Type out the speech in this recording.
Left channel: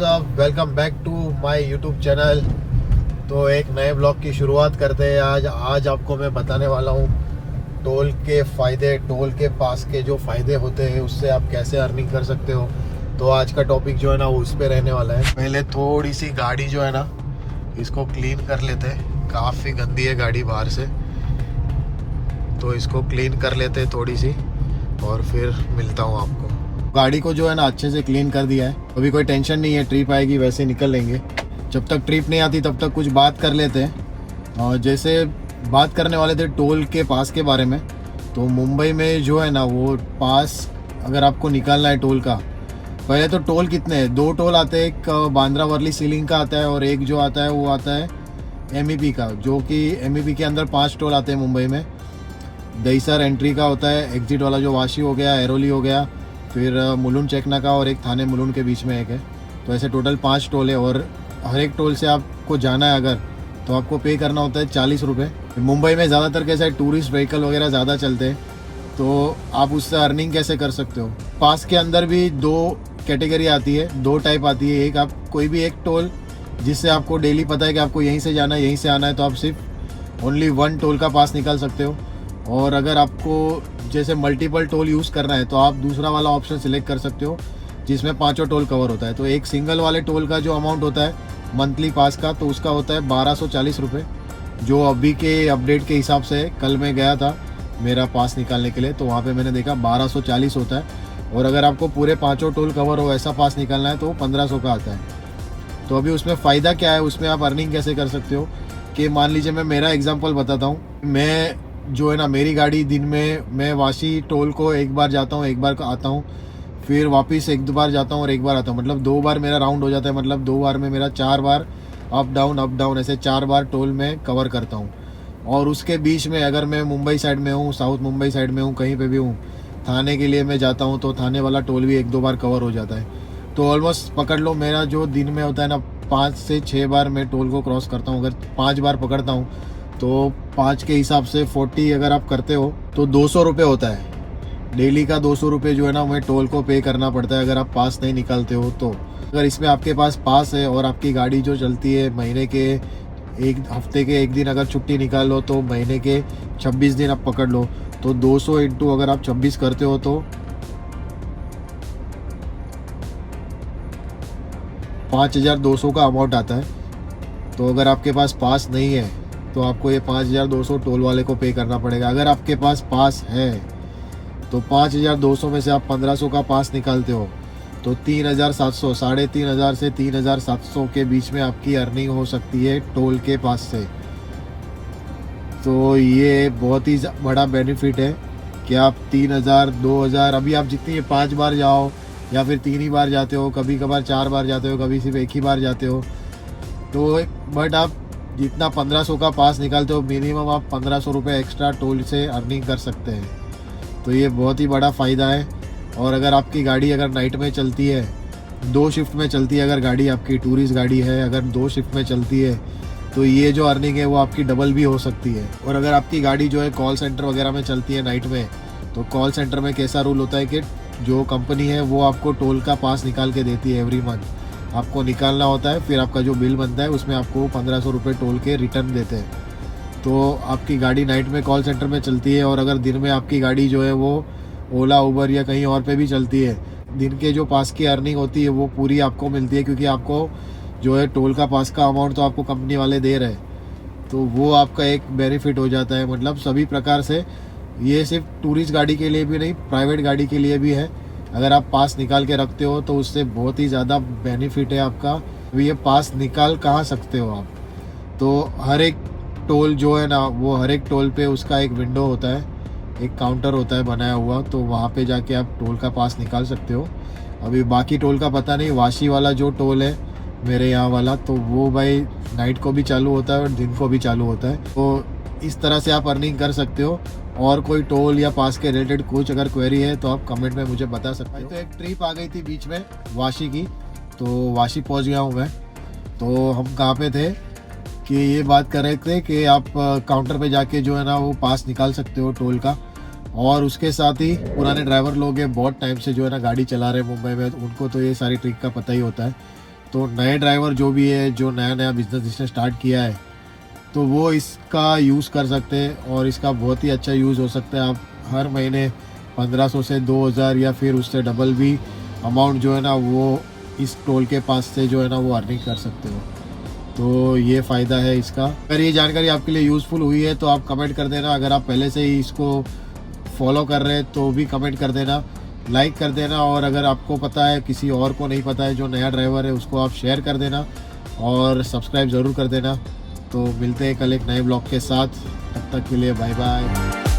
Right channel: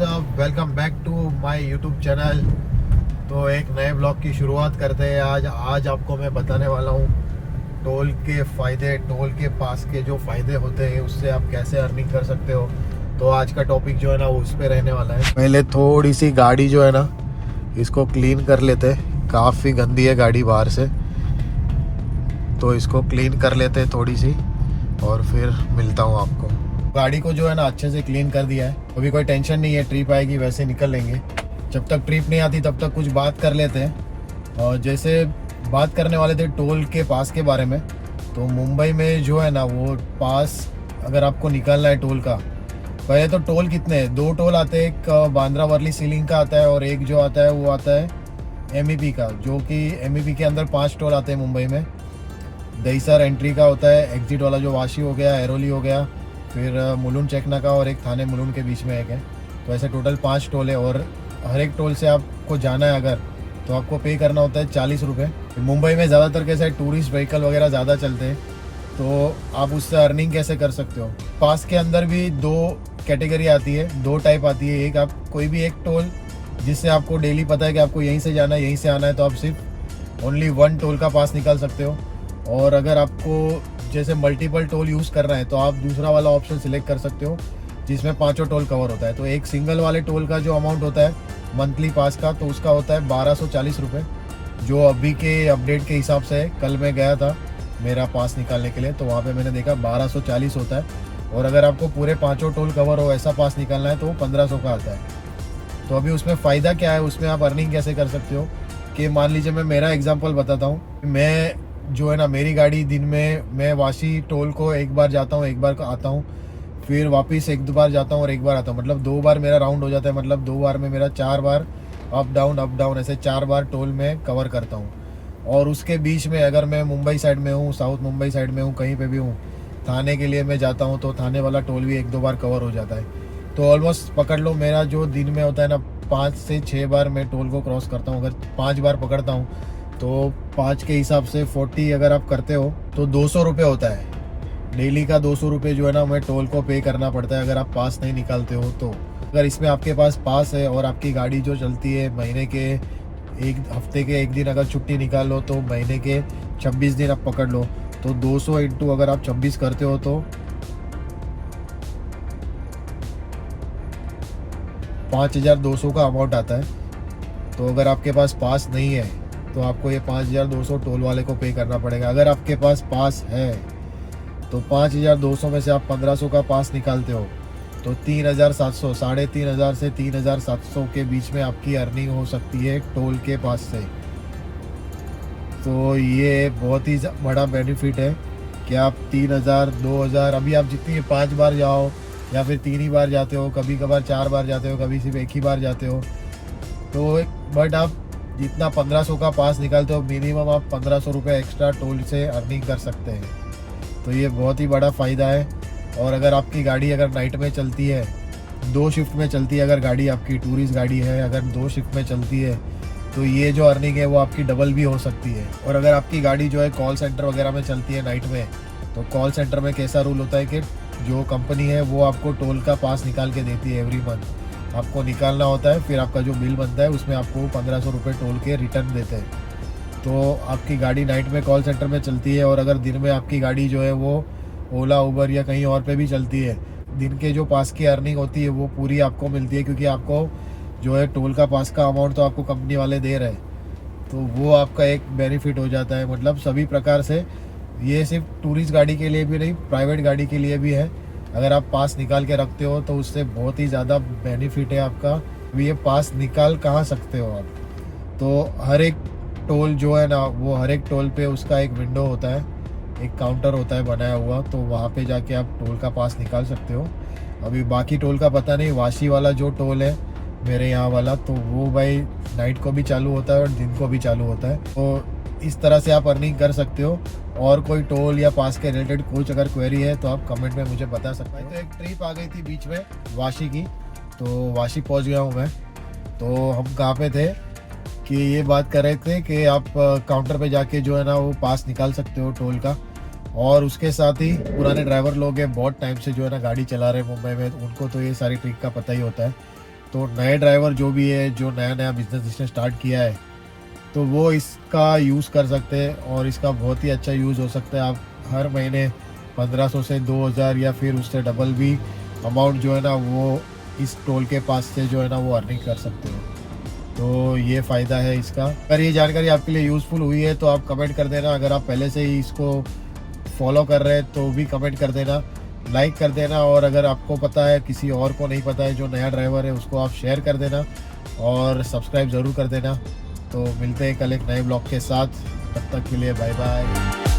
WhatsApp, welcome back to my YouTube channel. तो एक नए ब्लॉग की शुरुआत करते हैं। आज आपको मैं बताने वाला हूँ टोल के फ़ायदे, टोल के पास के जो फ़ायदे होते हैं उससे आप कैसे अर्निंग कर सकते हो। तो आज का टॉपिक जो है ना वो उस पर रहने वाला है। पहले थोड़ी सी गाड़ी जो है ना इसको क्लीन कर लेते। काफ़ी गंदी है गाड़ी बाहर से, तो इसको क्लीन कर लेते थोड़ी सी और फिर मिलता हूँ आपको। गाड़ी को जो है ना अच्छे से क्लीन कर दिया है, अभी कोई टेंशन नहीं है। ट्रिप आएगी वैसे निकल लेंगे। जब तक ट्रिप नहीं आती तब तक कुछ बात कर लेते हैं। और जैसे बात करने वाले थे टोल के पास के बारे में, तो मुंबई में जो है ना वो पास अगर आपको निकालना है टोल का, पहले तो टोल कितने हैं, दो टोल आते हैं। एक बांद्रा वर्ली सीलिंग का आता है और एक जो आता है वो आता है MEP का, जो कि MEP के अंदर 5 टोल आते हैं मुंबई में। दहीसर एंट्री का होता है, एग्जिट वाला जो वाशी हो गया, एरोली हो गया, फिर मुलुंड चेकना का और एक थाने मुलुंड के बीच में एक है। तो ऐसे टोटल 5 टोल है और हर एक टोल से आपको जाना है अगर, तो आपको पे करना होता है 40 रुपये। मुंबई में ज़्यादातर कैसे टूरिस्ट व्हीकल वगैरह ज़्यादा चलते हैं, तो आप उससे अर्निंग कैसे कर सकते हो। पास के अंदर भी 2 कैटेगरी आती है, 2 टाइप आती है। एक आप कोई भी एक टोल जिससे आपको डेली पता है कि आपको यहीं से जाना है, यहीं से आना है, तो आप सिर्फ ओनली 1 टोल का पास निकाल सकते हो। और अगर आपको जैसे मल्टीपल टोल यूज़ करना है तो आप दूसरा वाला ऑप्शन सिलेक्ट कर सकते हो जिसमें 5 टोल कवर होता है। तो एक सिंगल वाले टोल का जो अमाउंट होता है मंथली पास का, तो उसका होता है 1240 रुपये, जो अभी के अपडेट के हिसाब से है। कल मैं गया था मेरा पास निकालने के लिए, तो वहाँ पे मैंने देखा 1240 होता है। और अगर आपको पूरे 5 टोल कवर हो ऐसा पास निकालना है तो 1500 का आता है। तो अभी उसमें फ़ायदा क्या है, उसमें आप अर्निंग कैसे कर सकते हो कि मान लीजिए मैं मेरा एग्जांपल बताता हूँ। मैं जो है ना मेरी गाड़ी दिन में मैं वाशी टोल को एक बार जाता हूँ, एक बार आता हूँ, फिर वापस 1-2 बार जाता हूँ और एक बार आता हूँ। मतलब 2 बार मेरा राउंड हो जाता है। मतलब 2 बार में मेरा 4 बार अप डाउन ऐसे 4 बार टोल में कवर करता हूँ। और उसके बीच में अगर मैं मुंबई साइड में हूँ, साउथ मुंबई साइड में हूँ, कहीं पे भी हूँ, थाने के लिए मैं जाता हूँ, तो थाने वाला टोल भी 1-2 बार कवर हो जाता है। तो ऑलमोस्ट पकड़ लो मेरा जो दिन में होता है ना 5 से 6 बार मैं टोल को क्रॉस करता हूँ। अगर 5 बार पकड़ता हूँ तो 5 के हिसाब से 40 अगर आप करते हो तो 200 रुपये होता है। डेली का 200 रुपये जो है ना हमें टोल को पे करना पड़ता है अगर आप पास नहीं निकालते हो। तो अगर इसमें आपके पास पास है और आपकी गाड़ी जो चलती है महीने के एक हफ्ते के एक दिन अगर छुट्टी निकाल लो तो महीने के 26 दिन आप पकड़ लो, तो 200 इंटू अगर आप 26 करते हो तो 5200 का अमाउंट आता है। तो अगर आपके पास पास नहीं है तो आपको ये 5200 टोल वाले को पे करना पड़ेगा। अगर आपके पास पास है तो 5200 में से आप 1500 का पास निकालते हो तो 3700, 3500 से 3700 के बीच में आपकी अर्निंग हो सकती है टोल के पास से। तो ये बहुत ही बड़ा बेनिफिट है कि आप 3000, 2000, अभी आप जितनी 5 बार जाओ या फिर 3 ही बार जाते हो, कभी कभार 4 बार जाते हो, कभी सिर्फ 1 ही बार जाते हो, तो बट आप जितना 1500 का पास निकालते हो मिनिमम आप 1500 रुपये एक्स्ट्रा टोल से अर्निंग कर सकते हैं। तो ये बहुत ही बड़ा फ़ायदा है। और अगर आपकी गाड़ी अगर नाइट में चलती है, 2 शिफ्ट में चलती है, अगर गाड़ी आपकी टूरिस्ट गाड़ी है, अगर 2 शिफ्ट में चलती है, तो ये जो अर्निंग है वो आपकी डबल भी हो सकती है। और अगर आपकी गाड़ी जो है कॉल सेंटर वगैरह में चलती है नाइट में, तो कॉल सेंटर में कैसा रूल होता है कि जो कंपनी है वो आपको टोल का पास निकाल के देती है। एवरी मंथ आपको निकालना होता है, फिर आपका जो बिल बनता है उसमें आपको 1500 रुपये टोल के रिटर्न देते हैं। तो आपकी गाड़ी नाइट में कॉल सेंटर में चलती है और अगर दिन में आपकी गाड़ी जो है वो ओला, उबर या कहीं और पे भी चलती है, दिन के जो पास की अर्निंग होती है वो पूरी आपको मिलती है, क्योंकि आपको जो है टोल का पास का अमाउंट तो आपको कंपनी वाले दे रहे हैं। तो वो आपका एक बेनिफिट हो जाता है। मतलब सभी प्रकार से ये सिर्फ टूरिस्ट गाड़ी के लिए भी नहीं, प्राइवेट गाड़ी के लिए भी है। अगर आप पास निकाल के रखते हो तो उससे बहुत ही ज़्यादा बेनिफिट है आपका। अभी ये पास निकाल कहाँ सकते हो आप, तो हर एक टोल जो है ना वो हर एक टोल पे उसका एक विंडो होता है, एक काउंटर होता है बनाया हुआ, तो वहाँ पे जाके आप टोल का पास निकाल सकते हो। अभी बाकी टोल का पता नहीं, वाशी वाला जो टोल है मेरे यहाँ वाला, तो वो भाई नाइट को भी चालू होता है और दिन को भी चालू होता है। तो इस तरह से आप अर्निंग कर सकते हो। और कोई टोल या पास के रिलेटेड कुछ अगर क्वेरी है तो आप कमेंट में मुझे बता सकते हो। तो एक ट्रिप आ गई थी बीच में वाशी की, तो वाशी पहुंच गया हूँ मैं। तो हम कहाँ पे थे कि ये बात कर रहे थे कि आप काउंटर पे जाके जो है ना वो पास निकाल सकते हो टोल का। और उसके साथ ही पुराने ड्राइवर लोग हैं, बहुत टाइम से जो है ना गाड़ी चला रहे हैं मुंबई में, उनको तो ये सारी ट्रिक का पता ही होता है। तो नए ड्राइवर जो भी है, जो नया नया बिजनेस जिसने स्टार्ट किया है, तो वो इसका यूज़ कर सकते हैं और इसका बहुत ही अच्छा यूज़ हो सकता है। आप हर महीने 1500 से 2000 या फिर उससे डबल भी अमाउंट जो है ना वो इस टोल के पास से जो है ना वो अर्निंग कर सकते हैं। तो ये फ़ायदा है इसका। अगर ये जानकारी आपके लिए यूज़फुल हुई है तो आप कमेंट कर देना। अगर आप पहले से ही इसको फॉलो कर रहे हैं तो भी कमेंट कर देना, लाइक कर देना। और अगर आपको पता है, किसी और को नहीं पता है जो नया ड्राइवर है, उसको आप शेयर कर देना और सब्सक्राइब ज़रूर कर देना। तो मिलते हैं कल एक नए ब्लॉग के साथ, तब तक के लिए बाय बाय।